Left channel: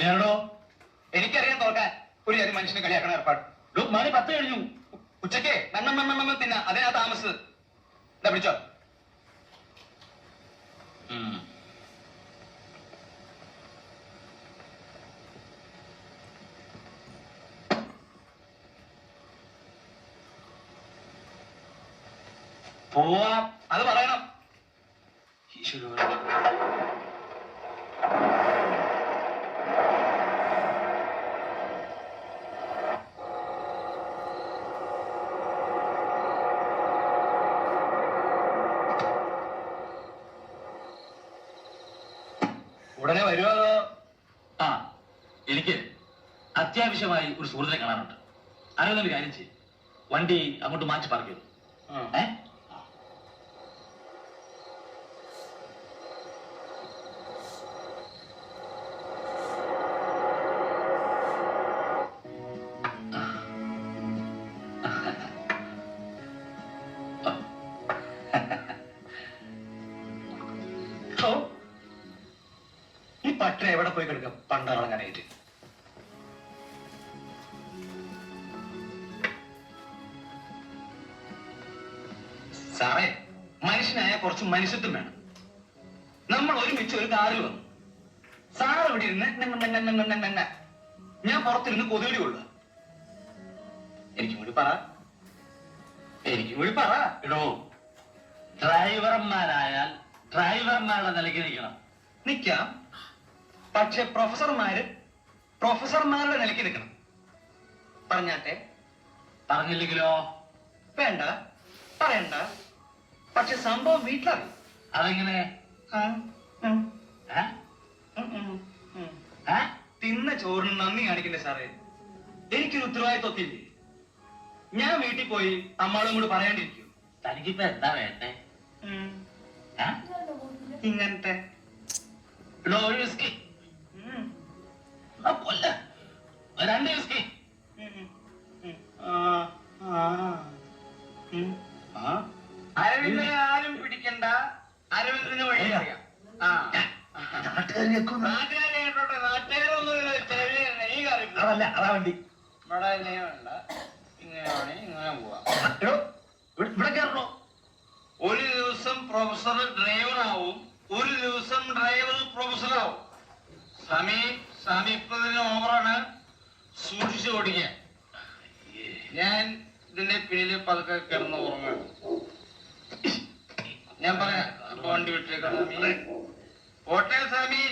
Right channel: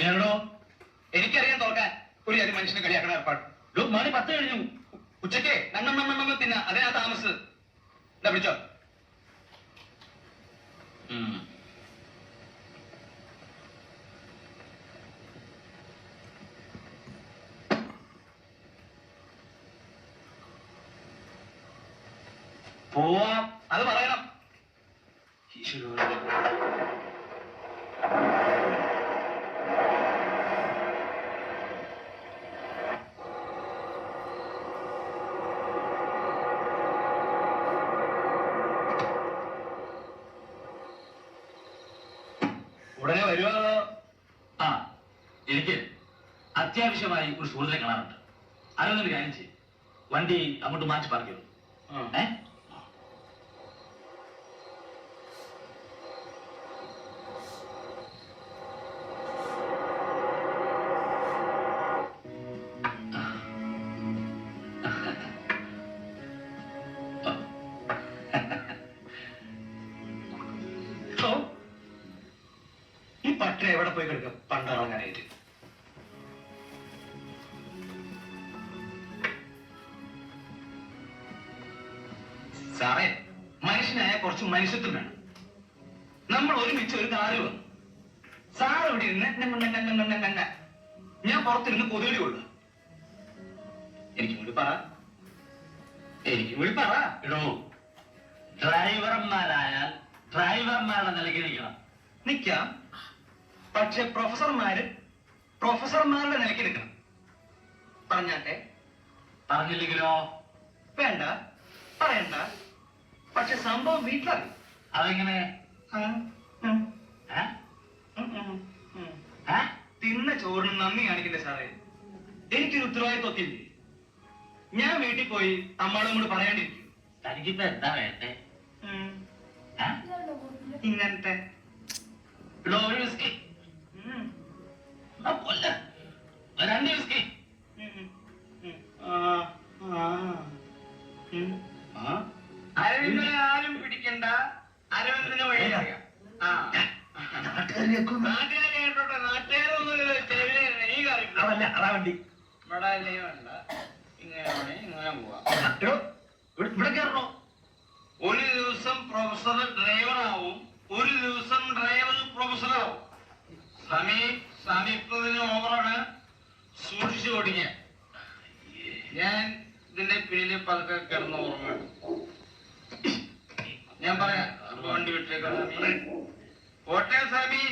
കേരളോ എനിക്കറിയാൻ തോക്കാൻ ഒരു കാര്യം മനുഷ്യനെ കളിയാക്കണ ഏർപ്പാട്. മണി 10 കഴിഞ്ഞു. ഉച്ചയ്ക്ക് നണ്ണം തിന്ന അതിനാ താമസിച്ചത്. എന്താ പിടിച്ചോ? പോവാം. അത് പറയണം. ഉടനെ വരുമോ? ആ, എനിക്ക് അത്യാവശ്യമായി ഒരു സുഹൃത്തിനെ കാണാനുണ്ട്. അറിയുന്നൊരു കാര്യം ചെയ്യും, വണ്ടി അങ്ങോട്ട് മാറ്റി പാർക്ക് ചെയ്തു. ഈ പട്ടണ എവിടെ പോയി കിടക്കാം പണ്ടിറങ്ങാനായിട്ട്? സാറേ, മനുഷ്യനായ കുറച്ച് മനുഷ്യത്വം വേണം. നമ്മൾ ഒരുമിച്ച് ഒരു കാറിൽ വന്നു. സാർ ഇവിടെ ഇരുന്ന് ഞാൻ പുറത്തിരുന്ന് കൊതുകി കൊള്ളുക. എനിക്കും കൂടി പറ. ഇടോ, ഡ്രൈവർമാരായാൽ ഡ്രൈവർമാരുടെ നിലയ്ക്ക് നിൽക്കണം. നിൽക്കാം, പക്ഷെ പ്രൊഫസർമാരുടെ നിലയ്ക്ക് നിൽക്കണം. പറഞ്ഞാട്ടെ? പറഞ്ഞില്ലെങ്കിലോ? വേണ്ട, പറയണ്ട. പക്ഷെ സംഭവം വീട്ടിലറിയും. അതെങ്ങനെ? തിന്ന ചോറിന് നന്ദി കാണിക്കണ്ടേ സാറേ? എനിക്കൊരു ഉത്തരവാദിത്വമൊക്കെ ഇല്ലേ? ഞാൻ വീട്ടിൽ പോയി അമ്മാളും കൂടി പറയേണ്ടിയിരിക്കും. തനിക്കിപ്പോ എന്താ വേണ്ടേ? ഇങ്ങനത്തെ ഒരു വിസ്കി, 2 വിസ്കി. അരവിന്ദനെ ആരും പിടിക്കണ്ട. അരവിന്ദന് വഴി അറിയാം. നാട്ടുകാരായിട്ടോട്ടെ, നാട്ടുകാരൊന്നും അതല്ല, അതാ വണ്ടി. ഇവിടെ അല്ലെങ്കിൽ വേണ്ട, ഇങ്ങനെ ഇങ്ങനെ പോവാം. ഇവിടെ കയറണോ? ഒരു ദിവസം പ്രൊഫസർ ഡ്രൈവറാവും, ഒരു ദിവസം ഡ്രൈവർ പ്രൊഫസറാവും. സമീപത്തിന് ഓവറാണ്, സൂക്ഷിച്ചു ഓടിക്കുക. ഞാൻ ഇതിന്റെ പിന്നിൽ പതുക്കെ കിടന്ന് ഉറങ്ങണം. ഞാൻ പറയാം, വണ്ടി വിട്ടേക്കാം. പോട്ടെ സ്വാമി.